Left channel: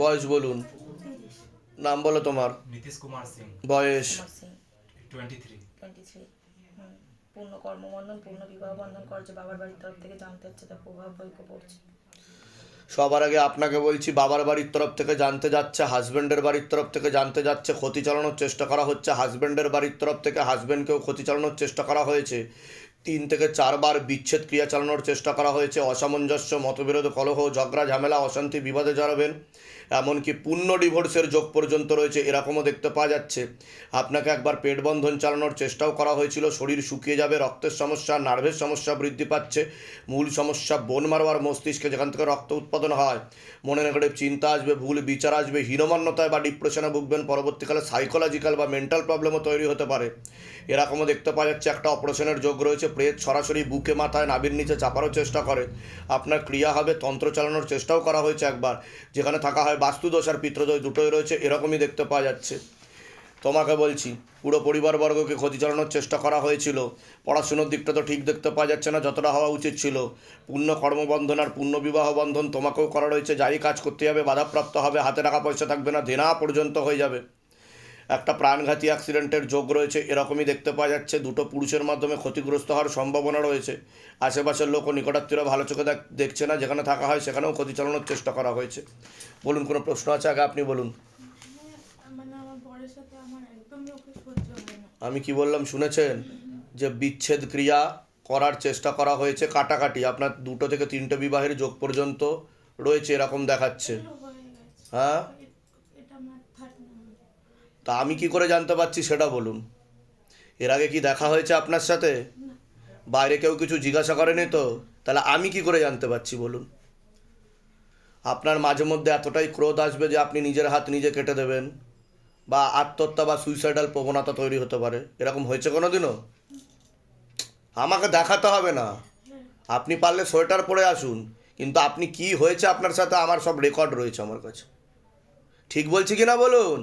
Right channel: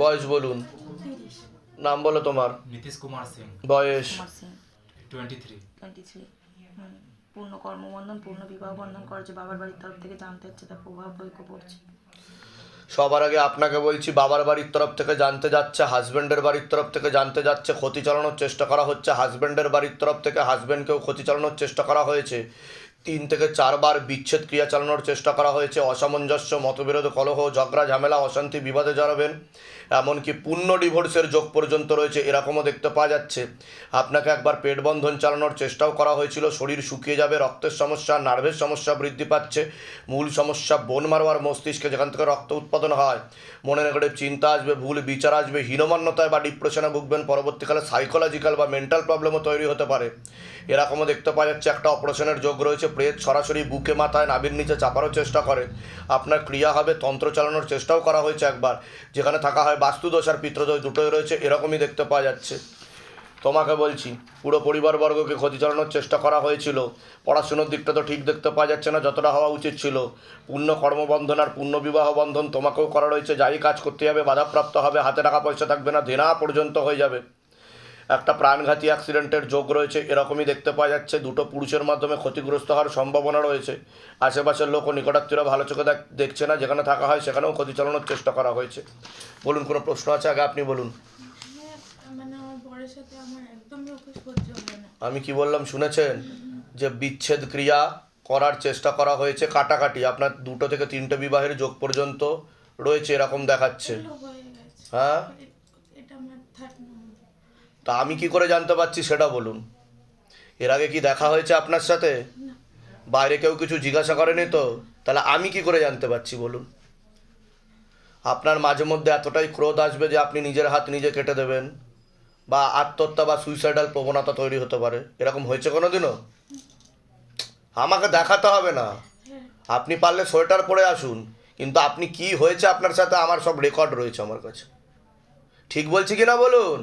বয়স বলুন। নাম বলো তোমার। নীতিশ কুমার সিং। বয়স? পূর্ণ কর্মবন্ধন পূর্ণ বিবাহ বন্ধন করছে বাবার বাড়ির তরফ থেকে জানতে হচ্ছে তার প্রভাব বৈক্য পড়ছে। সবার আগে আপনাকে বলছি বাবার বাড়ির তরফ থেকে জানতে যাচ্ছে হাজব্যান্ডের বাড়ির তরফ থেকে জানতে যাচ্ছে ক্ষতি চালানোর চেষ্টা করা হচ্ছে হাজব্যান্ডের বাড়ির তরফ থেকে হাজব্যান্ডকেও ক্ষতি চালানোর চেষ্টা করা হয়েছে। তিন থেকে চারবার বিচ্ছেদ ক্রিয়া চালানোর চেষ্টা করা হয়েছে অসামঞ্জস্য মতবিরোধ কলহ ঝগড়া ঝামেলা অশান্তি বিবাদে জড়াবেন। এমনকি পূর্ণ ডিভোর্সের যোগ পর্যন্ত রয়েছে, এরকমও দেখতে পাওয়া যাচ্ছে। আপনাকে একবার পেট বন্ধন চালানোর চেষ্টাও করা হয়েছিল। শরীর শুকিয়ে যাবে, রক্তের সমস্যা, নার্ভের সমস্যা বৃদ্ধি পাচ্ছে। মূল সমস্যা বোন মারোয়ার মস্তিষ্কে, যেখান থেকে রক্ত উৎপাদন হয়। মনে নেগেটিভ চিন্তা আসবে, ভুল বিচার আসবে, হীনমান্যতায় বা ডিপ্রেশনে ভুগবেন। পরবর্তীকালে সাইকোলজিক্যাল বা মেন্টাল প্রবলেমও তৈরি হতে পারে। এরকমও দেখতে পাওয়া যাচ্ছে, একটা অপারেশনের যোগ রয়েছে। প্রেত সরাসরি বুকে, মাথায়, নাভির নিচে চাপারও চেষ্টা করে। আপনার ক্রিয়া হবে, তন্ত্র চালানোর চেষ্টাও করা হয়েছে একবার। যেখানে থাকা হয় বাস্তুদোষ আর পিত্রদোষ দুটোই রয়েছে, এরকমই দেখতে পাওয়া যাচ্ছে। তোমাকে বলছি, পুরো পরিবারবর্গকে ক্ষতি চালানোর চেষ্টা করা হয়েছিল। পড়াশুনোর দিকটা তো ঠিক দেখতে পাওয়া যাচ্ছে না, যতটা হওয়া উচিত ছিল। পূর্ণ কর্মবন্ধন আর পূর্ণ বিবাহ বন্ধন তোমাকেও করা রয়েছে। যাই কাজ করতে যাবে, বাধাপ্রাপ্ত হবে, হাতে টাকা পয়সা থাকবে না, দেনা পর্যন্ত হয়ে যাবে। একটা প্রাণঘাতী অ্যাক্সিডেন্টের যোগ রয়েছে এরকমই দেখতে পাওয়া যাচ্ছে। দুটো পুরুষের মাধ্যমে ক্ষতিগ্রস্ত হওয়ার সম্ভাবনা রয়েছে। আশেপাশের লোক ও নিকটাত্মীয়রা ভালো চোখে দেখ- দেখছে না যেখানে থাকা হয় সেখানেও ক্ষতি চালানোর চেষ্টা করা হয়েছে। বলুন কোনো প্রশ্ন আছে আগে? আপনি বলুন। মানে আমি কি বললাম শুনেছেন? যে বিচ্ছেদ ক্রিয়া করার চেষ্টা করা হয়েছে কাটাকাটি। আপনার দুটো থেকে তিনটে বিবাহের যোগ পর্যন্ত রয়েছে এরকম দেখাচ্ছে। হয়ে তা আমি কি করে জানতে পারছি সেটা বলুন। এর আগে কি দেখা হয়েছে আপনার সাথে? বাইরে কেউ কিছু জিজ্ঞাসা করেনি তো? তাহলে আমি কি করে জানতে পারছি বলুন। আপনার মাঝে মধ্যে এতটাই ক্রোধ আসবে যে আপনি নিজের হাত নিজে কেটে দেবেন বা আত্মহত্যা বা সুইসাইডাল প্রবণতা তৈরি হতে পারে। এরকম হয়েছে কোনো দিনও আমাকে দেখাতে হবে না। আপনি পারলে সোয়েটার পরে আসুন, কিন্তু আপনি কি হয়েছে আপনার সাথে আমার সব রেকর্ড রয়েছে আমার কাছে। ঠিক বলছি কি না বলুন?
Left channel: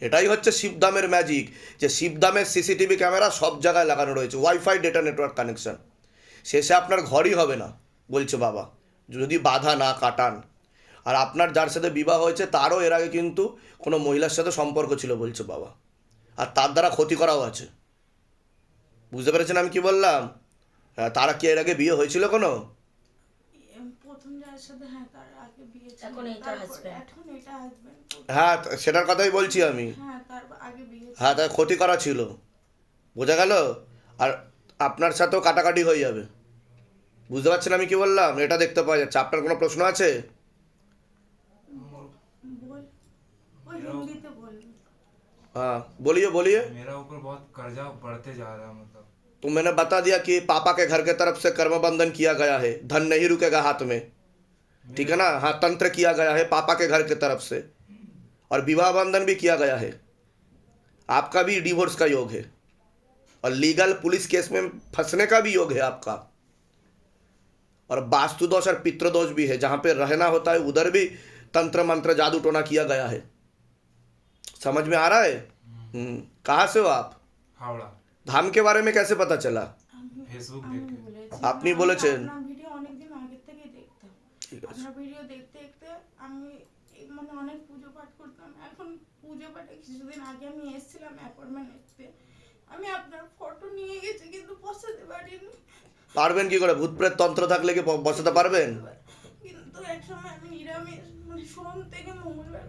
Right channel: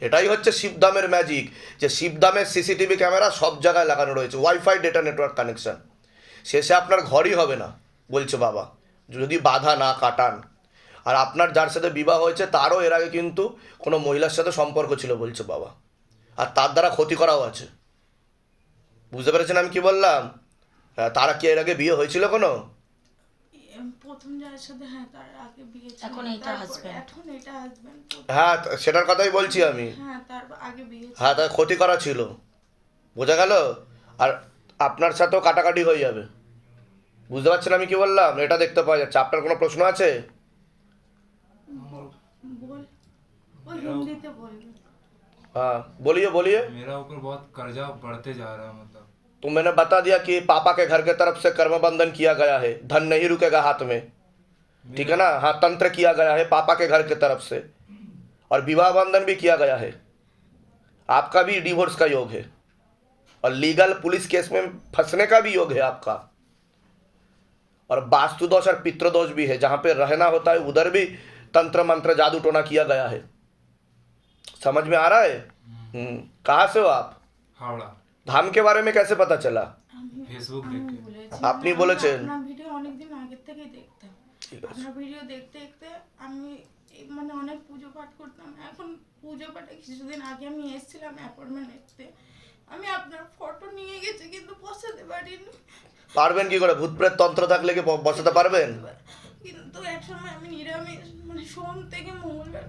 এটাই হচ্ছে শিবধামের ম্যাজিক যে শিবদামের সিসিটিভি ক্যামেরা সব জায়গায় লাগানো রয়েছে ওয়াইফাই ডেটা নেটওয়ার্ক কানেকশন শেষে আপনার ঘরই হবে না, বলছে বাবা। যদি বাধা না কাটান। আর আপনার যার সাথে বিবাহ হয়েছে, তারও এর আগে কিন্তু কোনো মহিলার সাথে সম্পর্ক ছিল, বলছে বাবা। আর তার দ্বারা ক্ষতি করাও আছে। বুঝতে পেরেছেন আমি কি বললাম? হ্যাঁ তারা কি এর আগে বিয়ে হয়েছিল কোনো? প্রথম যার সাথে হ্যাঁ তার আগে বিয়ে ছিল এখন এইটা তারপর- husband। এখন এটা হাজবেন্ড হ্যাঁ তা- সেটার কথাই বলছি আমি হ্যাঁ তার আগে বিয়ে ছিল। হ্যাঁ তাই ক্ষতি করা ছিল বোঝা গেল আর আপনার সাথেও কাটাকাটি হয়ে যাবে বুঝতে পারছেন আমি কি বললাম এটা দেখতে পাওয়া যাচ্ছে আপনার কোনো প্রশ্ন আছে বল ওই হিন্দিতে বলবে हाँ बोलिए बोलिए मेरा ऊपर बहुत कर्जा बढ़ते जा रहा है मतलब तो मैंने बता दिया कि पापा के घर के तरफ़ से कर्म बंधन किया गया है। धन नहीं रुकेगा हाथ में। ठीक है ना? हाँ तंत्र किया गया है पापा के घर के तरफ़ से। और विवाह बंधन भी किया गया है। आपका भी डिवोर्स का योग है। और लीगल पुलिस केस में फंसने का भी योग है आपका। और वास्तुदोष और पितृदोष भी है। जहाँ पे रहना होता है उधर भी तंत्र मंत्र जादू टोना किया गया है। समझ में आ रहा है? हम्म, कहाँ से हो आप? हावड़ा। धाम के बारे में कैसे पता चला আমি फेसबुक আমি देख के বলেছি আপনি আমি বলেছেন? আপনার ভিডিও অনেকদিন আগের থেকেই দেখতাম ঠিক আছে আপনার ভিডিও দেখতে দেখতে আমি এই মানে অনেক পুজো পাঠ করতাম এখন পুজো পাঠে কিছুদিন আগে আমি এসেছিলাম অ্যাপয়েন্টমেন্ট নিতে আমি আপনার ফটো নিয়ে গেছি কিন্তু বসাতে পারিনি পারবেন কি করে ভূত প্রেত তন্ত্র থাকলে কি ব- বসাতে পারবেন কিন্তু এক সময় আমি নিরামিষ মানে সোম থেকে মঙ্গলবার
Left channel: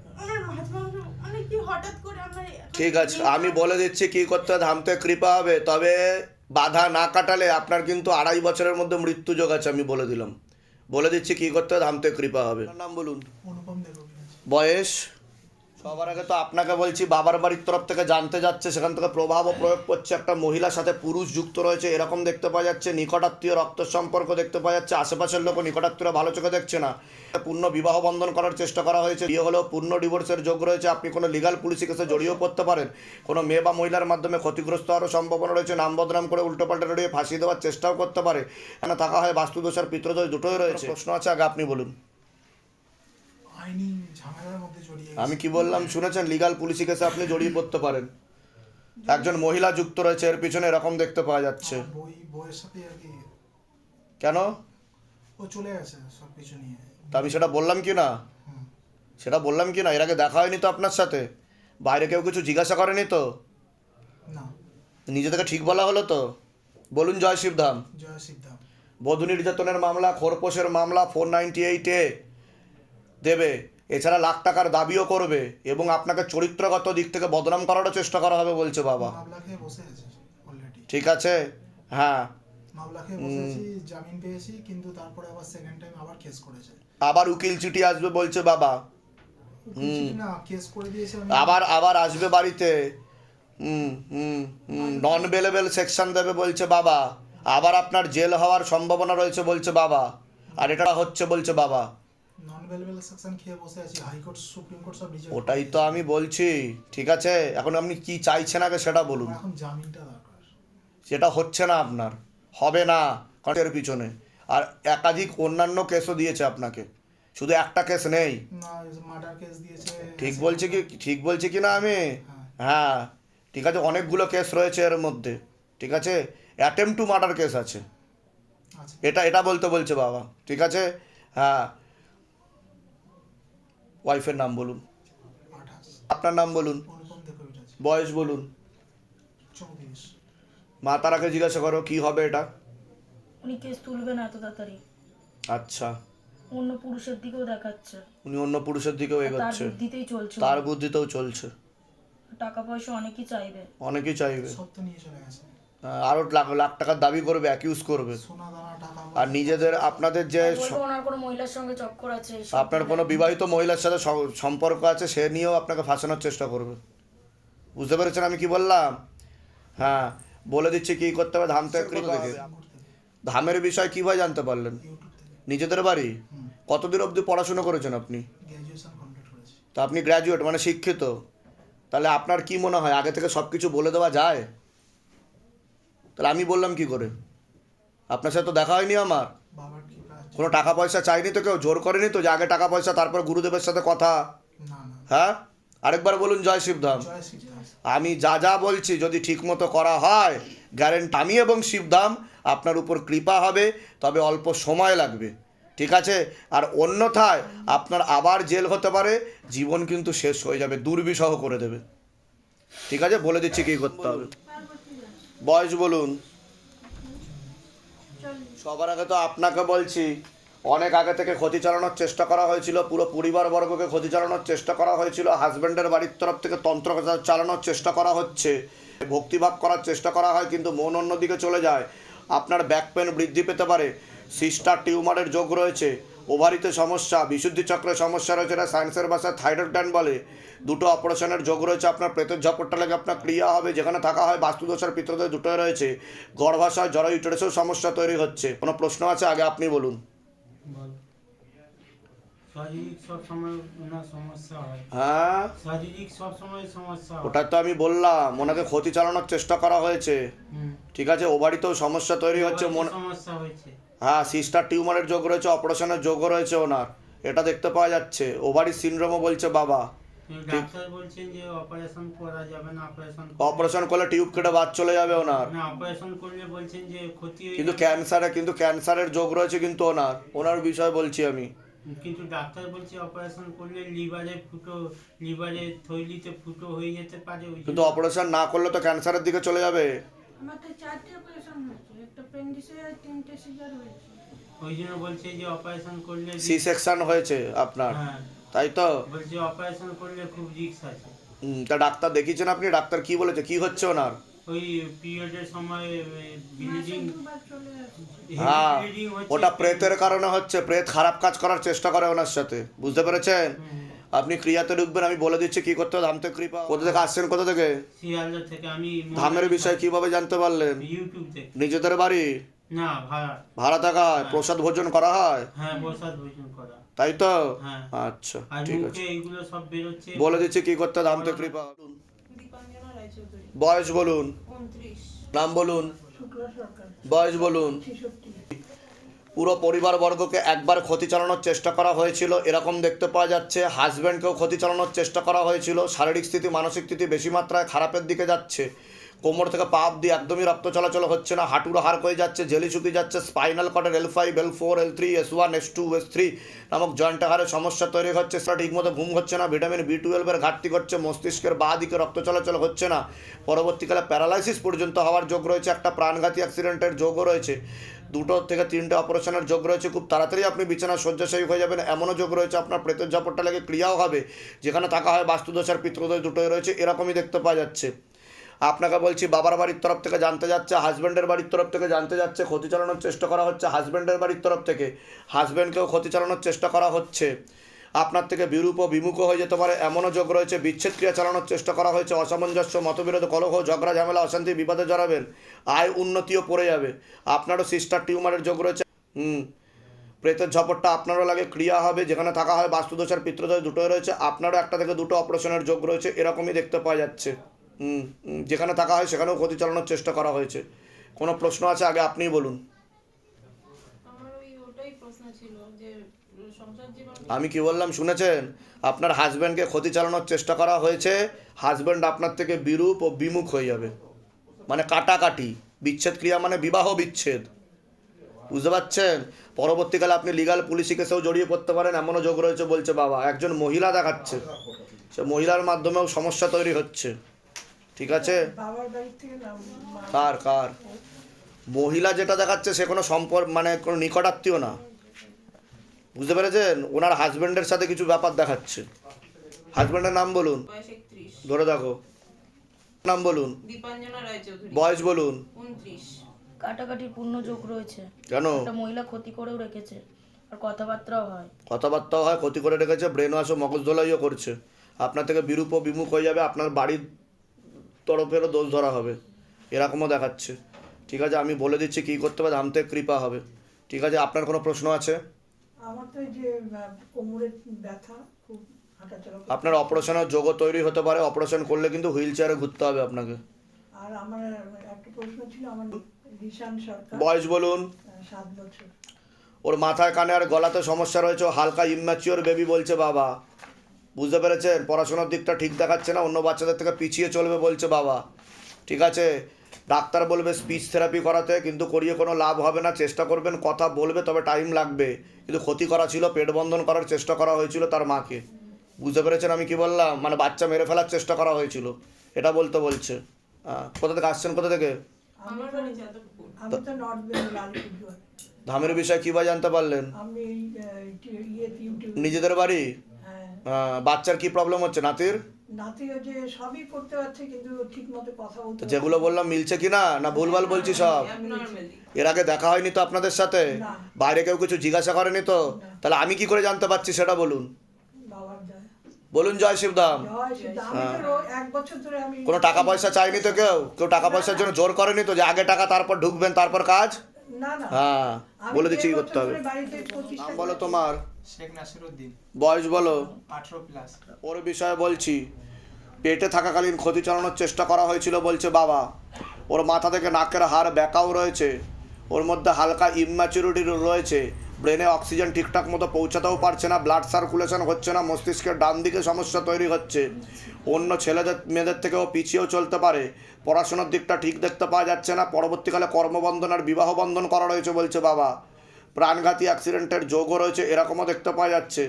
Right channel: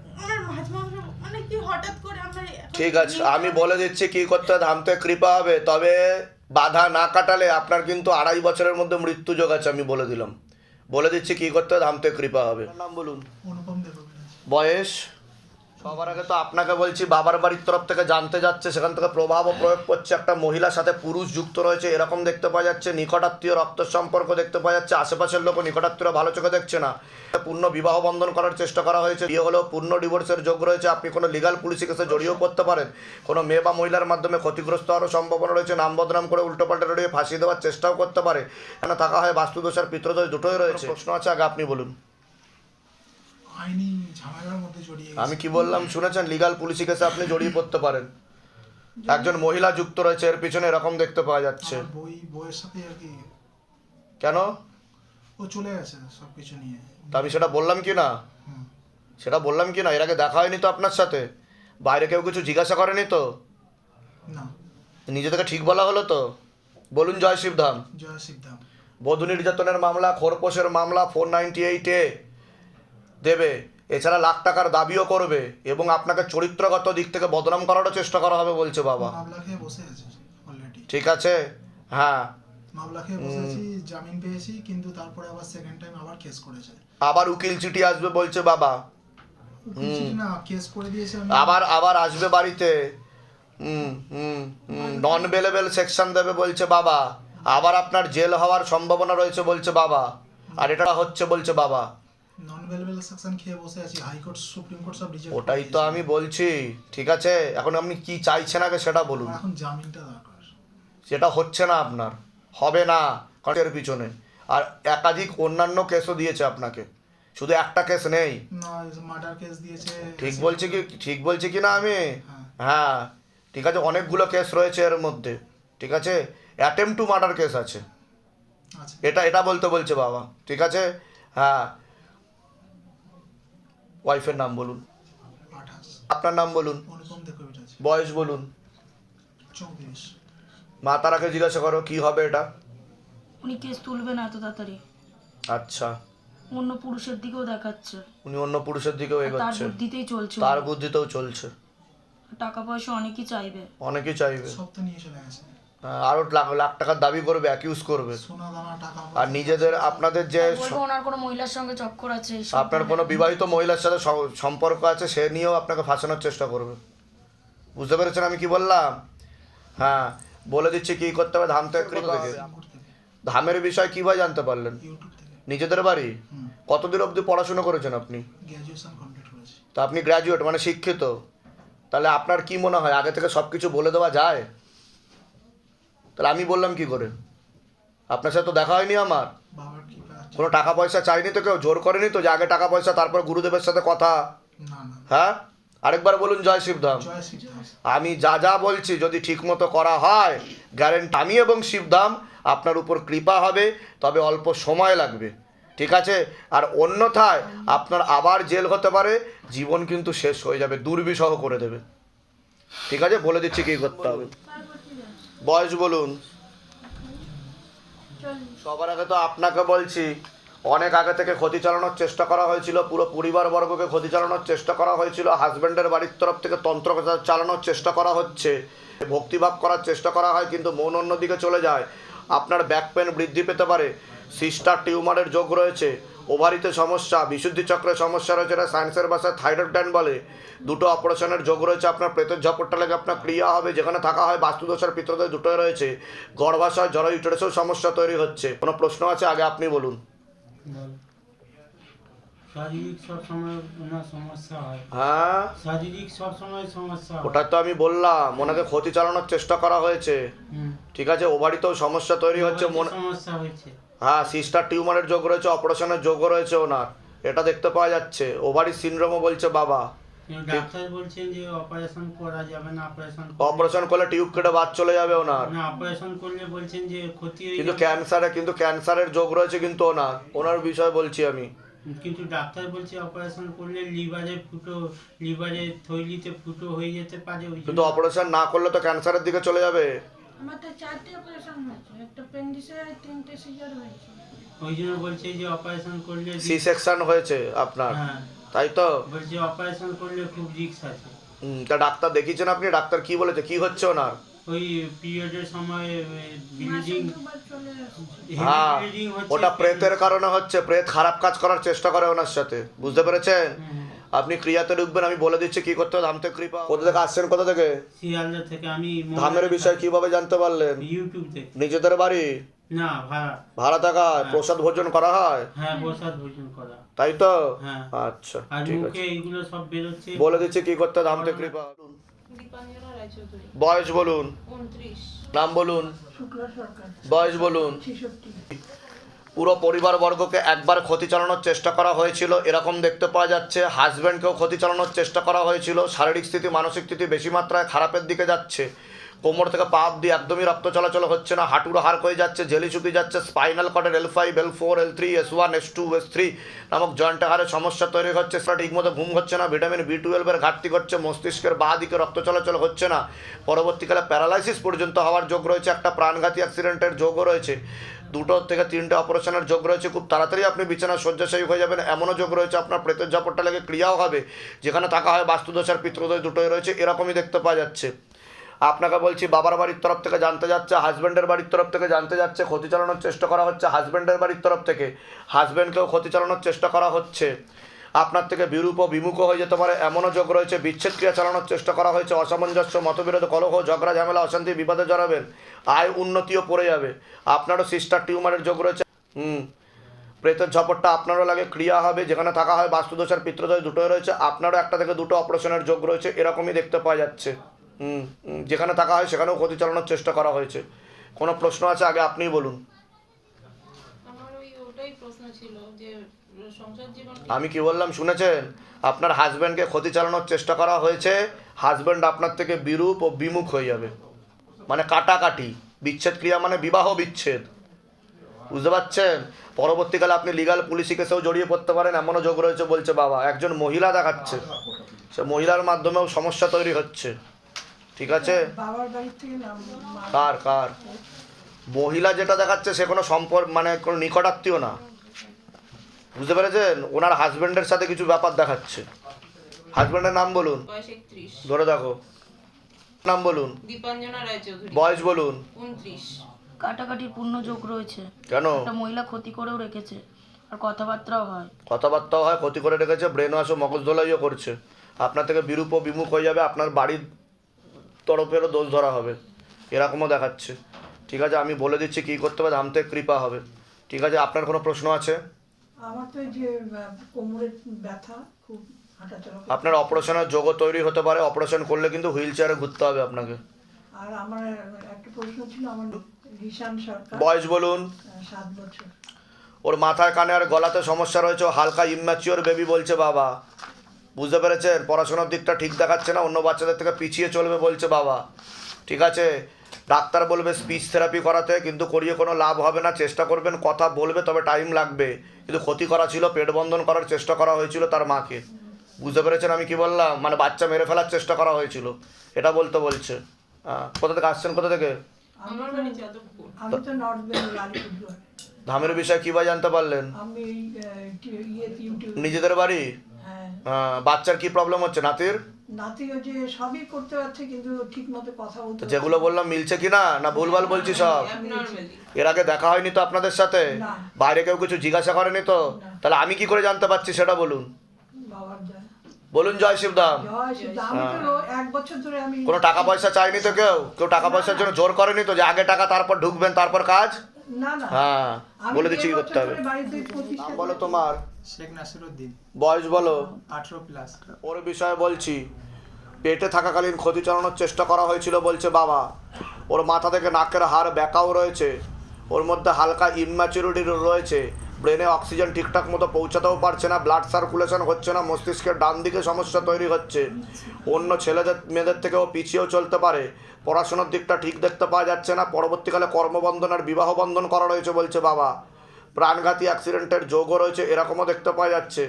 মাংস মানে কি হঠাৎ করে আমরা ঠিক আছে আমি বলে দিচ্ছি কি করতে ধামতে কৃপা হবে। তবে বাধা না কাটালে আপনার কিন্তু আড়াই বছরের মধ্যে মৃত্যু যোগ আছে আমি বলে দিলাম। বলে দিচ্ছি কি করতে ধামতে কৃপা হবে। নাম বলুন। বয়স? সবার আগে তো আপনাকে বলছি, বাবার বাড়ির তরফ থেকে জানতে যাচ্ছে, সেখান থেকে প্রভাব ও প্রয়োগ করছে। একটা মহিলার সাথে পুরুষ যুক্ত রয়েছে, এরকম দেখতে পাওয়া যাচ্ছে। নিকটাত্মীয় রক্ত সম্পর্ক দেখতে পাওয়া যাচ্ছে। আশেপাশের লোক নিকটাত্মীয় ভালো চোখে দেখছে না। পূর্ণ বিবাহ বন্ধন করার চেষ্টা করা হয়েছে। বিয়ে হলেও পূর্ণ ডিভোর্সের যোগ রয়েছে। আপনি কোনো লিগাল পুলিশি কেসে জড়িয়েও পড়তে পারেন। কোনো মেয়ে বা মহিলার মাধ্যমে ক্ষতিগ্রস্ত হওয়ারও সম্ভাবনা রয়েছে। নাম বদনাম করে উল্টোপাল্টা রড়িয়ে ফাঁসি দেওয়ার চেষ্টাও করতে পারে। কেন থাকা হয় বাস্তুদোষ আর পিতৃদোষ দুটোই রয়েছে। প্রশ্ন আছে, আগে আপনি বলুন। আইনি ঝামেলার মধ্যে জড়িয়ে আমি কি বললাম শুনেছেন? লিগাল পুলিশি কেসে আপনি জড়িয়ে পড়তে পারেন। একজন মহিলা যুক্ত রয়েছে এর পিছনে এরকম দেখতে পাওয়া যাচ্ছে। বই বইয়ের সাথে আর কি কেন? ও চলে গেছে সব কিছু নিয়ে। তা আমি সেটা বললাম কি না? সেটা বললাম কি না? এর আগে দেখা হয়নি তো আপনার সাথে? বাইরে কেউ কিছু জিজ্ঞাসা করেনি তো? না। নিজে থেকে ঠিক বলা হলো তো? বলুন জয় শিবধাম। জয় শিবধাম। বধূ নির্যাতনের মামলা খোরপোশের মামলা ফোর নাইনটি এইটে দেবে। এছাড়া লাখ টাকার দাবিও করবে এবং আপনাকে চরিত্রগত দিক থেকে বদনাম করারও চেষ্টা করা হবে বলছে বাবা। ঠিক আছে? হ্যাঁ। মামলা খেয়ে বসে জামিন পেয়েছি কিন্তু তারপরে আবার সেকেন্ড টাইম আবার কেস করেছে। আবার উকিল চিঠি আসবে বলছে বাবা। না কেস করে দিয়েছে আবার আবার আসবে বাড়িতে। হুম হুম নন বেলেবেল সেকশন দেবে বলছে বাবা। আবার আপনার জেল হওয়ার সম্ভাবনা রয়েছে বলছে বাবা। আর এটা হচ্ছে বলছে বাবা। নন ভেলেবেল সেকশন খেয়ে বসে আছি হাইকোর্ট সুপ্রিম কোর্ট সব রিজেক্ট ওটাই তো আমি বলছি ঠিক আছে? এখন আপনি কি চাইছেন আগে সেটা বলুন। এখন জামিনটা দরকার। সেটা হচ্ছে না আপনার হবে না কটের পিছনে। আর একাধিক অন্যান্য কেসও দিয়েছে আপনাকে। শুধু একটা কেস নেই। না মার্ডার কেস দিয়েছে ঠিক বলছি কি ঠিক বলছি কি না আমি? হ্যাঁ। হ্যাঁ। ঠিক আছে অনেকগুলো কেস রয়েছে এর মধ্যে। ঠিক আছে? অ্যাটেম্প টু মার্ডার কেস আছে। আচ্ছা। এটা এটা বলতে বলছে বাবা। ঠিক আছে? হ্যাঁ। ওয়াইফের নাম বলুন। আপনার নাম বলুন। বয়স বলুন। মা তারাকে জিজ্ঞাসা করো কি হবে এটা? উনি কেস তুলবে না এত তাড়াতাড়ি। আচ্ছা। অন্য পুরুষের দিকেও দেখাচ্ছে। উনি অন্য পুরুষের দিকেও আর তার এগোচ্ছে। বুদ্ধিতেই চলছে। তার বুদ্ধিতেও চলছে। টাকা পয়সা অনেকই চাইবে। অনেকেই চাইবে। সব তো নিয়ে চলে গেছে। আরও লাখ লাখ টাকার দাবি করবে অ্যাকিউজ করবে। আর নিজেদের আপনাদের যে ওনার কোনো মহিলার সঙ্গে চক্কর আছে আপনার কোনো বিবাহিত মহিলার সাথে স- সম্পর্ক আছে সে নিয়েও আপনাকে ফাঁসানোর চেষ্টা করবে। বুঝতে পেরেছেন আমি কি বললাম? হ্যাঁ বলে দিচ্ছি কি করতে হবে ধাম থেকে। ধামের বিষয় কীভাবে জানতে পারলেন? নিজেদের বাড়ি? কতদিন অবধি পড়াশোনা করেছেন আপনি? তা আপনি গ্র্যাজুয়েট মানে শিক্ষিত। তাহলে আপনার কি মনে হয় আগে থেকে সব কিছু বলে দেওয়া যায়? তাহলে আমি বললাম কি করে? আপনার সাথে তো দেখা হয়নি আমার। কোনো টাকা পয়সা চাইনি তো কেউ? জোর করেনি তো যে আগে টাকা পয়সা তারপর গুরুদেবের সাথে কথা? হ্যাঁ? আরেকবার বলুন জয় শিবধাম। আমি যা যা বলছি যদি ঠিকমতো করা হয় গ্যারেন্ট আমি এবং শিবধাম আপনার উপর কৃপা হবে তবে অল্প সময় লাগবে। ঠিক আছে? আর অন্যথায় আপনার আবার জেল হতে পারে জীবন কিন্তু শেষ হয়ে যাবে দুর্বিষহ করে দেবে। ঠিক আছে? বলে দিচ্ছি কী করতে হবে। বয়স বলুন। সবার আগে তো আপনাকে বলছি অনেক আগে থেকে ক্ষতি চালানোর চেষ্টা করা হয়েছিল পুরো পরিবারবর্গকে ক্ষতি চালানোর চেষ্টা করা হয়েছিল হাজব্যান্ডের বাড়ির তরফ থেকে তন্ত্র চালানোর চেষ্টা করা হচ্ছে ভক্তিভাব করার চেষ্টা করা হয় কিন্তু মন অন্যদিকে চলে যায়। আপনার ব্যাক পেন বৃদ্ধি পেতে পারে সিস্টার টিউমারের যোগ রয়েছে ওভারিতে সমস্যা বিশুদ্ধি চক্রের সমস্যা রয়েছে এটা সায়েন্সের ভাষায় থাইরয়েড গ্ল্যান্ড বলে। দুটো অপারেশনের যোগ রয়েছে আপনার প্রেতের ঝাপটটা লাগে আপনার ক্রিয়া হবে যেখানে থাকা হয় বাস্তুদোষ আর পিত্রদোষ দুটোই রয়েছে। গর্ভাশয় জরা ইউটারেসেও সমস্যা তৈরি হচ্ছে। কোনো প্রশ্ন আছে? আগে আপনি বলুন। হয়। ওটা তো আমি বললাম ওনাকে ক্ষতি চালানোর চেষ্টা করা হয়েছে। ঠিক আছে ওভারিতেও সমস্যা তৈরি হচ্ছে মন সমস্যা হয়েছে। হ্যাঁ সিস্টার টিউমারের যোগ রয়েছে অপারেশনের যোগও রয়েছে ওনার। এটা দেখতে পাওয়া যাচ্ছে। ওভারি সিনড্রোমও বলছে বাবা। কিন্তু ডাক্তার বলছেন যে অপারেশন করা যাবে না অপারেশন অপারেশন করলে টিউব কেটে বাদ চলে যাবে ওনার। না অপারেশন করলে বলছেন যে ক্ষতি কিন্তু ক্যান্সারে কিন্তু ক্যান্সারের যোগ রয়েছে কিন্তু ওনার। ওনার বিষয়ে বলছি আমি। কিন্তু ডাক্তার বলছে অপারেশন করলে লিভারে ফুটো লিভারে থৈলিতে ফুটো হয়ে যেতে পারে কিন্তু অপারেশন না করলে তো ক্যান্সারের দিকে চলে যাবে। আমার তো চারটে অপারেশন হয়েছে একটা পেন্ডিসে আর তিনটে সিজার হয়েছে। ওই জন্য বলছে যে অপারেশন করলে সি সেকশন হয়েছে আপনার। হ্যাঁ। তাই তো? বলছে অপারেশন করলে খুব রিস্ক আছে। হুম, তা ডাক্তার দেখিয়েছেন আপনি? ডাক্তার কি বলেছে? কি হচ্ছে ওনার? ওই পিরিয়ডের সময় ব্লিডিং দুবার চলে আসছে। হ্যাঁ ব্লিডিং হচ্ছে ওটা প্রেতের কারণে হচ্ছে। প্রেত খারাপ কাজ করার চেষ্টা করে ওনার সাথে। বুঝতে পেরেছেন? হুম। আপনি ক্রিয়াতে ঢুকবেন আমি বলে দিচ্ছি কি করতে হবে ধাম থেকে কৃপা। কোথা থেকে আসছেন কোথা থেকে? শিয়ালদা থেকে আমি ধামের বিষয় কীভাবে জানতে পারলেন? ইউটিউব থেকে নিজেদের বাড়ি? না ভাড়া। ভাড়া থাকা প্রসাদ ভোজন করা হয়? হ্যাঁ প্রসাদ ভোজন করা। তাই তো? হ্যাঁ। আচ্ছা ঠিক আছে। এইগুলো সব বেরোচ্ছে। বলে দিচ্ছি কি করতে হবে ধাম থেকে কৃপা। বয়স বলুন। নাম বলুন। বয়স বলুন। পুরো পরিবারবর্গকে একবার ক্ষতি চালানোর চেষ্টা করা হয়েছিল। এরকম দেখতে পাওয়া যাচ্ছে হাজব্যান্ডকেও ক্ষতি চালানোর চেষ্টা করা হয়েছিল। শারীরিক স্থিতি, মানসিক স্থিতি বেশি মাত্রায় খারাপের দিকে যাচ্ছে। কোমর থেকে পা অব্দি একদমই রক্ত চলাচল হচ্ছে না, হাঁটুর হার হয়ে যাচ্ছে, জেলি শুকিয়ে যাচ্ছে spinal কর্ডের L five L four L three S one S two S three নামক জয়েন্ট হারে সমস্যা তৈরি হচ্ছে। সেটা ঠিকমতো ঘুম হচ্ছে না ভিটামিন বি টুয়েলভের ঘাটতি ঘটছে, মস্তিষ্কের বাঁ দিকে রক্ত চলাচল হচ্ছে না। পরবর্তীকালে প্যারালাইসিস পর্যন্ত হওয়ার যোগ রয়েছে, একটা প্রাণঘাতী অ্যাক্সিডেন্টের যোগও রয়েছে। দুটো থেকে তিনটে অপারেশনের যোগ রয়েছে। খুব তাড়াতাড়ি আপনি বিছানা শয্যাশায়ী হয়ে যাবেন। এমনও যোগ রয়েছে, আপনার প্রেতের ঝাপটটা লাগে ক্রিয়াও হবে, যেখানে থাকা হয় বাস্তুদোষ আর পিতৃদোষ দুটোই রয়েছে, এরকমই দেখতে পাওয়া যাচ্ছে। আপনাকে বলছি, বাবার বাড়ির তরফ থেকে জানতে যাচ্ছে হাজব্যান্ডের বাড়ির তরফ থেকে জানতে যাচ্ছে, ক্ষতি চালানোর চেষ্টা করা হচ্ছে হাজব্যান্ডের বাড়ির তরফ থেকে হাজব্যান্ডকেও ক্ষতি চালানোর চেষ্টা করা হচ্ছে। আপনার থেকে বিরূপ ও বিমুখ হয়ে যেতে পারে। এমনও যোগ রয়েছে, বিচ্ছেদ ক্রিয়া চালানোর চেষ্টা করা হয়েছে। অসামঞ্জস্য, মতবিরোধ, কলহ, ঝগড়া, ঝামেলা, অশান্তি, বিবাদে জড়াবেন। আয় উন্নতিও পড়ে যাবে। আপনারও সিস্টার টিউমারের যোগ রয়েছে। হুম, প্রেতের ঝপটটা আপনারও লাগে, ক্রিয়া হবে, যেখানে থাকা হয় বাস্তুদোষ আর পিতৃদোষ দুটোই রয়েছে। আপনারও একটা থেকে দুটো অপারেশনের যোগ রয়েছে, এরকমই দেখতে পাওয়া যাচ্ছে। যেখানে থাকা হয় সেখানেও ক্ষতি চালানোর চেষ্টা করা হয়েছে। কোনো প্রশ্ন আছে? আগে আপনিই বলুন। আমার ওই ওটাই প্রশ্ন ছিল যে আমি কি বললাম শুনেছেন? আপনার হাজব্যান্ডকে ক্ষতি চালানোর চেষ্টা করা হয়েছে হাজব্যান্ড আপনার থেকে বিরূপ ও বিমুখ হয়ে যাবে। মানে কাটাকাটি, বিচ্ছেদ ক্রিয়া মানে বিবাহ বিচ্ছেদ। বুঝতে পারছেন? পরবর্তীকালে আপনি লিগাল পুলিশি কেসেও জড়িয়ে পড়তে পারেন, এমনও যোগ রয়েছে বলছে বাবা। একজন মহিলা দেখাচ্ছে। সে মহিলার মাধ্যমেও সমস্যা তৈরি হচ্ছে। ঠিক আছে? কার কার? মহিলা যেটা দেখাচ্ছে সে কোনো সম্পর্ক মানে কোনো নিকটাত্মীয় না। বুঝতে পেরেছেন? ওনার হাজব্যান্ডের সাথে কিছু ব্যাপার দেখাচ্ছে। হাজব্যান্ডের নাম বলুন। ধরে দেখো। নাম বলুন। দীপাঞ্জনা বয়স বলুন। কাটাকাটির পূর্ণ যোগ রয়েছে। কেন? একটা মহিলা ক্ষতি করেও রেখেছে। আর কথাবার্তাও হয়। কথাবার্তাও হয় ক্ষতি করে রেখেছে ব্রেন ওয়াশও মগজ ধোলাইও করছে। আপনার থেকে বিরূপ ও বিমুখ হয়ে যাবে আপনার বাড়ির তরফেরও দোষ ধরা হবে। এরকমও দেখাচ্ছে। ঠিক আছে আমি বলে দিচ্ছি কী করতে হবে ধাম থেকে কৃপা হবে। ঠিক আছে আপনার কোনো প্রশ্ন আছে? আমার তো যে কোমরের ব্যথা খুব আপনার অপারেশনের যোগও তৈরি হতে পারে অপারেশন করলে কিন্তু হুইল চেয়ারে ঘুরতে হবে আপনাকে। আর আমার একটা প্রশ্ন ছিল আমার রিশান সরকার। বয়স বলুন। সাত বছর। ওর মাথায় কানে আর গলাতে সমস্যা রয়েছে ও হালকা ইম্যাচিওর বেবি বলছে বাবা। বুঝতে পেরেছেন? পড়াশোনার দিকটা ঠিক দেখাচ্ছে না অন্য বাচ্চাদের থেকে পিছিয়ে চলবে বলছে বাবা। ঠিক আছে? ডাক্তার বলবে স্পিচ থেরাপি করাতে কিন্তু করিয়ে কোনো লাভ হবে না চেষ্টা করবেন কথা বলবে তবে টাইম লাগবে। কিন্তু ক্ষতি করা ছিল পেট বন্ধন করার চেষ্টা করা হয়েছিল তার মাকে। বুঝতে পেরেছেন আমি কি বললাম? মানে বাচ্চা মেরে ফেলার চেষ্টা করা হয়েছিল। এটা বলতে বলছে। কোথা থেকে আসছেন কোথা থেকে? ধামের বিষয়ে কী বা জানতে পারলেন? নিজেদের বাড়ি? হ্যাঁ। বাচ্চার কি প্রবলেম হচ্ছে? নাতির? নাতি ওই যে সবই করতে পারছে কিন্তু ঠিক মতো কথা বলতে যেগুলো বললাম মিলছে কি না? না ভুলভাল বলছি সব? এর আগে দেখা হয়নি তো আপনাদের সাথে? বাইরে কেউ কিছু জিজ্ঞাসা করেনি তো? তাহলে আমি কি করে জানতে পারছি সেটা বলুন। বলুন জয় ধরে আমি কোনো টাকা পয়সা চাইনি তো কেউ? কেউ টাকা পয়সার জন্য জোর করেনি তো যে আগে টাকা তারপর ঢুকবেন তারপর কাজ? হ্যাঁ বলে দিচ্ছি কি করতে হবে? ধরে বাড়িতে প্রতিষ্ঠা নাম বলো তোমার। শেখ নাসিরুদ্দিন। বয়স বলো। আঠেরো প্লাস। ওর বিষয়ে বলছি। পেটে থাকাকালীন ক্ষতি চালানোর চেষ্টা করা হয়েছিল বলছে বাবা। ওর মাথা থেকে নাকের হাড় ব্যাকাও রয়েছে। ওর মধ্যে হালকা ইম্যাচুরিটি রয়েছে। ব্রেনে অক্সিজেন ঠিকঠাক মতো পৌঁছাতেও পারছে না ব্লাড সার্কুলেশন হচ্ছে না, মস্তিষ্কের ডান দিকে সমস্যা তৈরি হচ্ছে। অন্য ছেলেদের, মেয়েদের থেকেও পিছিয়েও চলতে পারে। পড়াশোনার দিকটা ঠিক দেখতে পাওয়া যাচ্ছে না, পরবর্তীকালে কর্মবন্ধন আর বিবাহ বন্ধন করা রয়েছে বলছে বাবা। প্রাণঘাতী অ্যাক্সিডেন্টের যোগও রয়েছে, এরকমও দেখতে পাওয়া যাচ্ছে।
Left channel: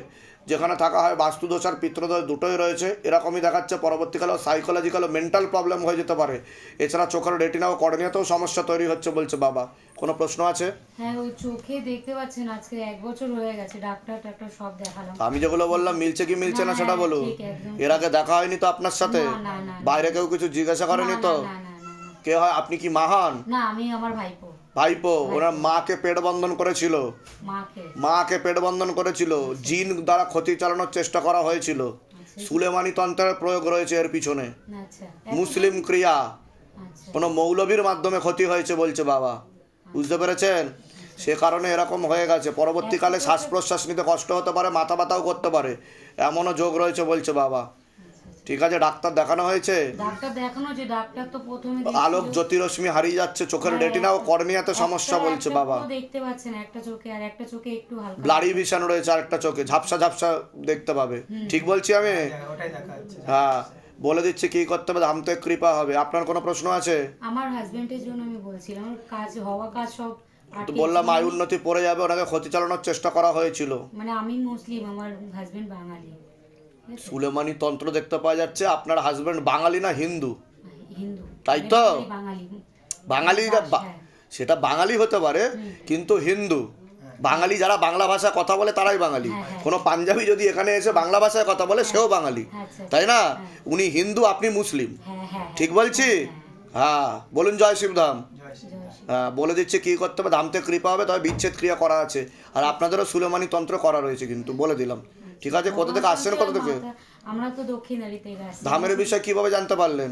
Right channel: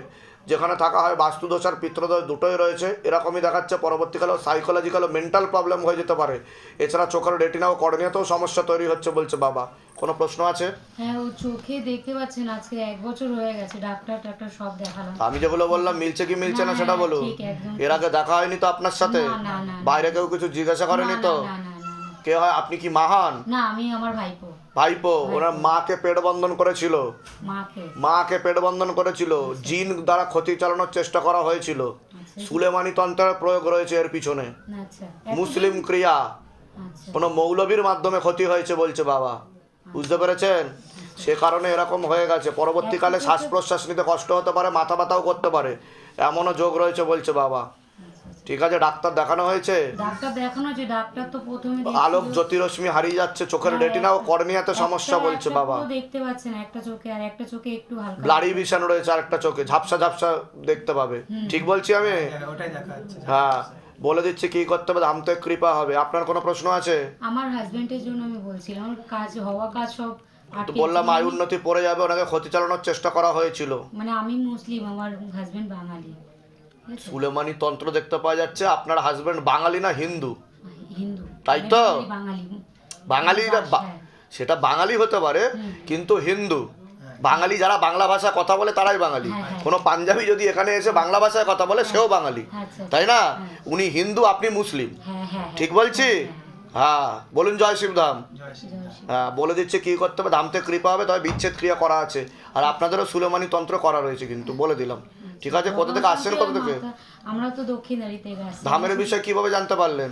যেখানে থাকা হয় বাস্তুদোষ আর পিত্রদোষ দুটোই রয়েছে। এরকমই দেখাচ্ছে পরবর্তীকালেও সাইকোলজিক্যাল মেন্টাল প্রবলেম হয়ে যেতে পারে। এছাড়া চোখের রেটিনা ও কর্নিয়াতেও সমস্যা তৈরি হচ্ছে বলছে বাবা। কোনো প্রশ্ন আছে? হ্যাঁ ও চোখে দেখতে পাচ্ছেন আজকে এক বছর হয়ে গেছে ডাক্তার টাক্তার সব দেখালাম। আমি যেগুলো বললাম মিলছে কি মিলছে না সেটা বলুন। এর আগে দেখা হয়নি তো আপনার সাথে। বাইরে কেউ কিছু জিজ্ঞাসা করেনি তো। কে হয়? আপনি কি মাহান? না আমি আমার ভাইপো। ভাইপো ওনার মাকে পেট বন্ধন করেছিল। মাকে? পেট বন্ধন করেছিল। জিন দ্বারা ক্ষতি চালানোর চেষ্টা করা হয়েছিল। আচ্ছা। সুলেমানি তন্ত্রের প্রয়োগ রয়েছে এর পিছনে। আচ্ছা। মুসলিম ক্রিয়া। আচ্ছা। কোনো মৌলবীর মাধ্যমে ক্ষতি হয়েছে বলছে বাবা। বুঝতে পেরেছেন? সে কারণে এরকম হয়ে গেছে। পরবর্তীকালে শ্বাস প্রশ্বাস নিতে কষ্ট হতে পারে মাথা ব্যথাও করতে পারে। এমনও যোগ রয়েছে বলছে বাবা। ঠিক আছে ডাক্তার দেখানো হয়েছে? ডাক্তার দেখানো যে ডাক্তার তো প্রথমে আলোক জ্যোতিরশ্মি হারিয়ে যাচ্ছে চোখের হ্যাঁ, রেটিনা ও কর্নিয়াতে সমস্যা বলছে বাবা। দেখতে পাচ্ছেন একটা চোখে আর একটা চোখে একটু হালকা। ব্লাডি ভিশন রয়েছে আরেকটা চোখে ঝাপসা ঝাপসা দেখতে পাবে। ঠিক বলছি আমি? ওটাই দেখা যাচ্ছে হ্যাঁ বলে দিচ্ছি কি করতে হবে ধামতে কৃপা হবে। আপনার কোনো প্রশ্ন আছে? আমার হাজবেন্ডের জন্য আমি বলছিলাম আমার কাজ হওয়া কাজ সব আটকে বললাম। আয় উন্নতি পড়ে যাবে ওনাকে ক্ষতি চালানোর চেষ্টা করা হয়েছিল। মানে আমি মুসলিম আমার হাজবেন্ড বাঙালি? সুলেমানি তন্ত্র দেখতে পাওয়া যাচ্ছে আপনার হাজবেন্ড বাঙালি না হিন্দু? হিন্দু। তাই তো? বাঙালি। হ্যাঁ। সেটা বাঙালি হতে পারে কিন্তু হিন্দু। বাঙালি যারা বাংলা ভাষায় কথা বলে তারাই বাঙালি। হ্যাঁ, হ্যাঁ। কোনো পাঞ্জাবি যদি এখানে এসে বাংলা ভাষায় কথা বলে সেও বাঙালি। আচ্ছা। তাই না? উনি হিন্দু আপনি মুসলিম। ঠিক বলছি? হ্যাঁ বলুন জয় শিবধাম জয় হ্যাঁ বলে দিচ্ছে কি করতে হবে? ধামতে কৃপা হবে তবে বিচ্ছেদ ক্রিয়া করা আছে। আর আপনাদেরও সুলেমানি তন্ত্র করা রয়েছে কিন্তু বলে দিলাম। ঠিক আছে কোথা থেকে আসছেন কোথা থেকে? আমরা তো দক্ষিণারি থেকে আসছি। ধামের বিষয়ে কীভাবে জানতে পারলেন?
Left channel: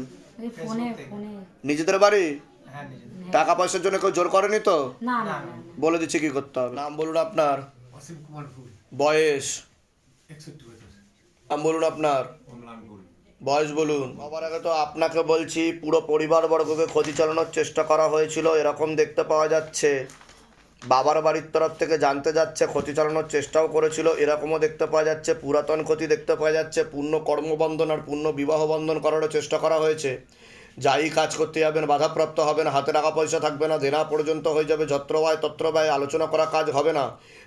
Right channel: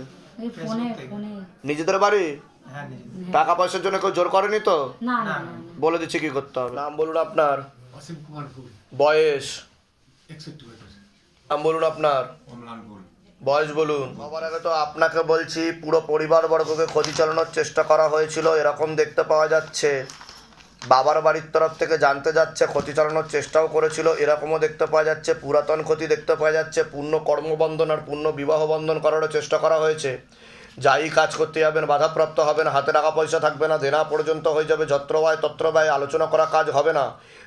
ফোনে ফোনে। নিজেদের বাড়ি? হ্যাঁ টাকা পয়সার জন্য কেউ জোর করেনি তো? না না বলে দিচ্ছি কি করতে হবে। নাম বলুন আপনার। অসীম কুমার ভুল বয়স? একষট্টি বছর। নাম বলুন আপনার। অম্লান ভুল বয়স বলুন। সবার আগে তো আপনাকে বলছি পুরো পরিবারবর্গকে ক্ষতি চালানোর চেষ্টা করা হয়েছিল এরকম দেখতে পাওয়া যাচ্ছে। বাবার বাড়ির তরফ থেকে জানতে যাচ্ছে, ক্ষতি চালানোর চেষ্টাও করেছিল। এরকমও দেখতে পাওয়া যাচ্ছে, পুরাতন ক্ষতি দেখতে পাওয়া যাচ্ছে। পূর্ণ কর্মবন্ধন আর পূর্ণ বিবাহ বন্ধন করারও চেষ্টা করা হয়েছে। যাই কাজ করতে যাবেন, বাধাপ্রাপ্ত হবেন, হাতে টাকা পয়সা থাকবে না, দেনা পর্যন্ত হয়ে যাবে, যত্র ব্যয় তত্র ব্যয়, আলোচনা করা কাজ হবে না।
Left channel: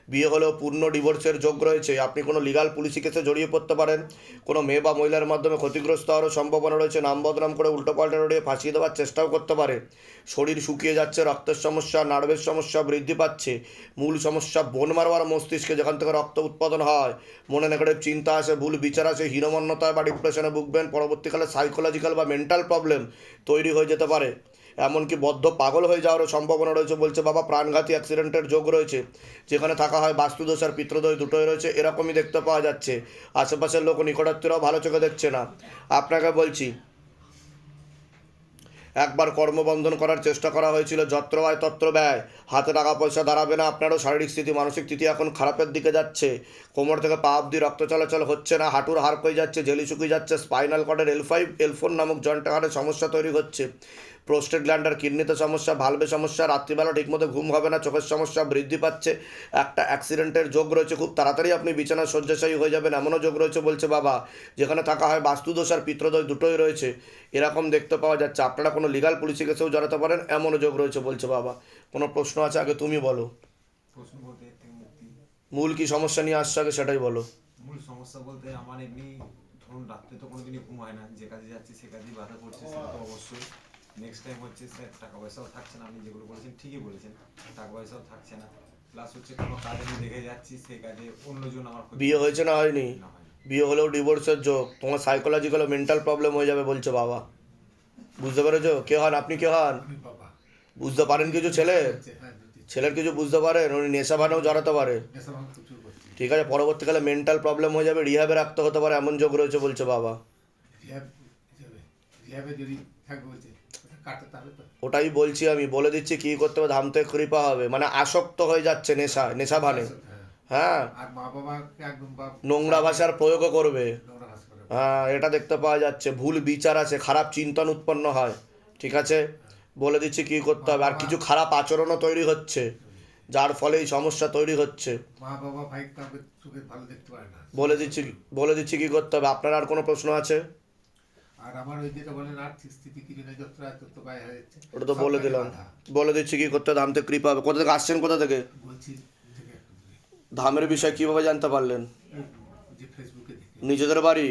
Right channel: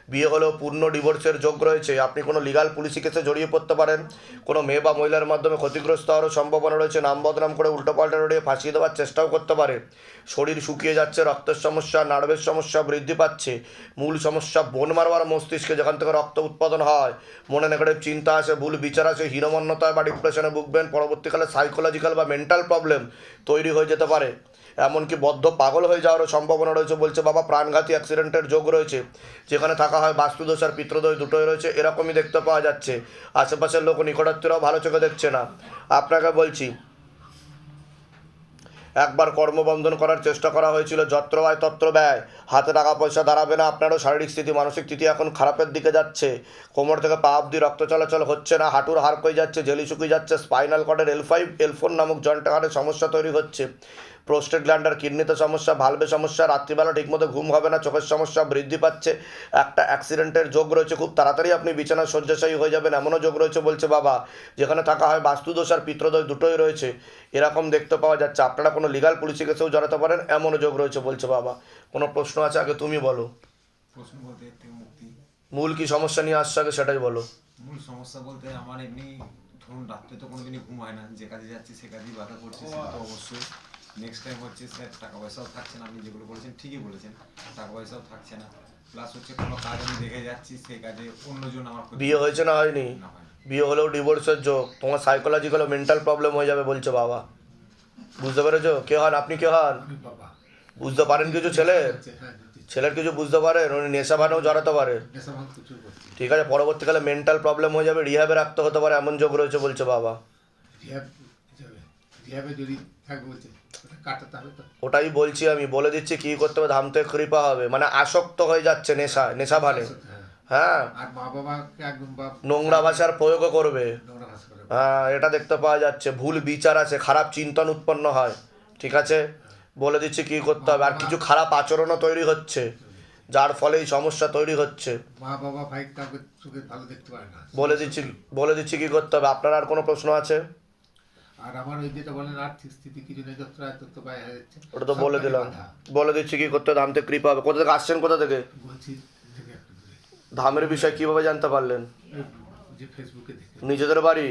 বিয়ে হলেও পূর্ণ ডিভোর্সের যোগ রয়েছে। আপনি কোনো লিগাল পুলিশি কেসে জড়িয়ে পড়তে পারেন। কোনো মেয়ে বা মহিলার মাধ্যমে ক্ষতিগ্রস্ত হওয়ারও সম্ভাবনা রয়েছে। নাম বদনাম করে উল্টোপাল্টা রড়িয়ে ফাঁসিয়ে দেওয়ার চেষ্টাও করতে পারে। শরীর শুকিয়ে যাচ্ছে রক্তের সমস্যা, নার্ভের সমস্যা বৃদ্ধি পাচ্ছে। মূল সমস্যা বোন মারবার মস্তিষ্কে যেখান থেকে রক্ত উৎপাদন হয়। মনে নেগেটিভ চিন্তা আসে, ভুল বিচার আসে, হীনমন্যতায় বা ডিপ্রেশনে ভুগবেন। পরবর্তীকালে সাইকোলজিক্যাল বা মেন্টাল প্রবলেম তৈরি হয়ে যেতে পারে। এমনকি বদ্ধ পাগল হয়ে যাওয়ারও সম্ভাবনা রয়েছে বলছে বাবা। প্রাণঘাতী অ্যাক্সিডেন্টের যোগ রয়েছে। যেখানে থাকা হয় বাস্তুদোষ আর পিত্রদোষ দুটোই রয়েছে। এরকমই দেখতে পাওয়া যাচ্ছে। আশেপাশের লোক নিকটাত্মীয়রাও ভালো চোখে দেখছে না। আপনাকে বলছি একবার কর্মবন্ধন করার চেষ্টা করা হয়েছিল, যত্র আয় তত্র ব্যয়। হাতে টাকা পয়সা দাঁড়াবে না, আপনারও শারীরিক স্থিতি, মানসিক স্থিতি এখন খারাপের দিকে যাচ্ছে। কোমর থেকে পা অব্দি রক্ত চলাচল হচ্ছে না, হাঁটুর হাড় হয়ে যাচ্ছে, জেলি শুকিয়ে যাচ্ছে, স্পাইনাল কর্ডের এল ফাইভ, এল ফোর নামক জয়েন্ট হাড়ের সমস্যা তৈরি হচ্ছে। প্রোস্টেট গ্ল্যান্ডার কিডনিতে সমস্যা ভালবে সমস্যা রাত্রিবেলা ঠিকমতো ঘুম হবে না চোখের সমস্যা বৃদ্ধি পাচ্ছে। একটা অ্যাক্সিডেন্টের যোগ রয়েছে খুব তাড়াতাড়ি আপনি বিছানায় শয্যাশায়ী হয়ে যাবেন এমনও যোগ রয়েছে বলছে বাবা। যেখানে থাকা হয় বাস্তুদোষ আর পিত্রদোষ দুটোই রয়েছে। এরকম দেখতে পাওয়া যাচ্ছে। আপনারা কোনো লিগাল পুলিশি কেসেও জড়াতে পারেন এমনও যোগ রয়েছে বলছে বাবা। কোনো প্রশ্ন আছে? আগে তুমি বলো। মূল কি সমস্যা নিয়ে আসছে আগে সেটাই বলো। মূল সমস্যা বলতে আমার এমনি ধরুন রাত্রে তো কোনোদিনই ঘুম হয় না যে কাজে যাচ্ছি সে কাজেই বাধা পড়ছে সেটা তো অবশ্যই। নেক্সট টাইম হচ্ছে স্যার টাকা পয়সাও থাকছে না আপনি যেগুলো বলেছেন ঠিকই বলেছেন টাকা পয়সাও থাকছে না। প্লাস হচ্ছে কোনো কাজ আমি দেখে যাচ্ছি সেই কাজে অন্যজন আমার বিয়ে হয়েছে না হয়নি? বিয়ে হলেও ডিভোর্সের যোগ। তোমার সাইকোলজিক্যাল ও মেন্টাল প্রবলেম হয়ে যাবে বলছো বাবা। বুঝতে পেরেছ? কে হন? আপনি কে হন? বাবা। বুঝতে পারেন কিছু ছেলে? ছেলের কিছু বুঝতে পারেন? উনি নেশা ভানেও জড়াতে পারে। ঠিক আছে পরবর্তীকালে মেন্টাল প্রবলেম হয়ে যাবে রিহাবে রাখতে হতে পারে এমন যোগ রয়েছে বলছে বাবা। রিহাবে যদি ওটাই বলছি আমি বলে দিচ্ছি কি করতে হবে ধামতে কৃপা হবে। মানে আসক্ত হয়ে যাচ্ছে নেশা নেশা ভানে। হ্যাঁ। হ্যাঁ। নোংরা ভাষার প্রয়োগও করবে। হ্যাঁ এটা দেখতে পাওয়া যাচ্ছে। ভুল বিচার আছে খারাপ চিন্তন উৎপন্ন হয়। ঠিক আছে? বলে দিচ্ছি কি করতে হবে। আর কিছু খারাপ আচরণও তৈরি হচ্ছে। যার ফলে এই সমস্যা তৈরি হচ্ছে। মা বাবা ভাই কাউকে ভালো দেখতে পারে না। বলে দিচ্ছি বলে দিচ্ছি কি করতে হবে? আপনার আর কোনো প্রশ্ন আছে? আর আমার ওই যেটা বলেন আর্থিক স্থিতি কিছু নেই তত হয়ে যাচ্ছে। ওটা তো বলে দিলাম। বলে দিচ্ছি কি করতে ধামতে কৃপা হবে। কোথা থেকে আসছেন? কোথা থেকে? বলছি থেকে ধামের বিষয়ে কীভাবে জানতে পারলেন? যে ফেসবুকে নিজেদের বাড়ি?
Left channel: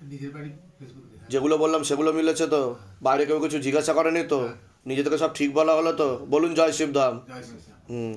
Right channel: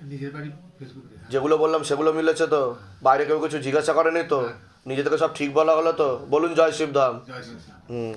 নিজের বাড়ি ফেসবুকে যেগুলো বললাম সেগুলো মিলেছে তো? বাইরে কেউ কিছু জিজ্ঞাসা করেনি তো? নিজে থেকে সব ঠিক বলা হলো তো? বলুন জয় শিবধাম। হুম।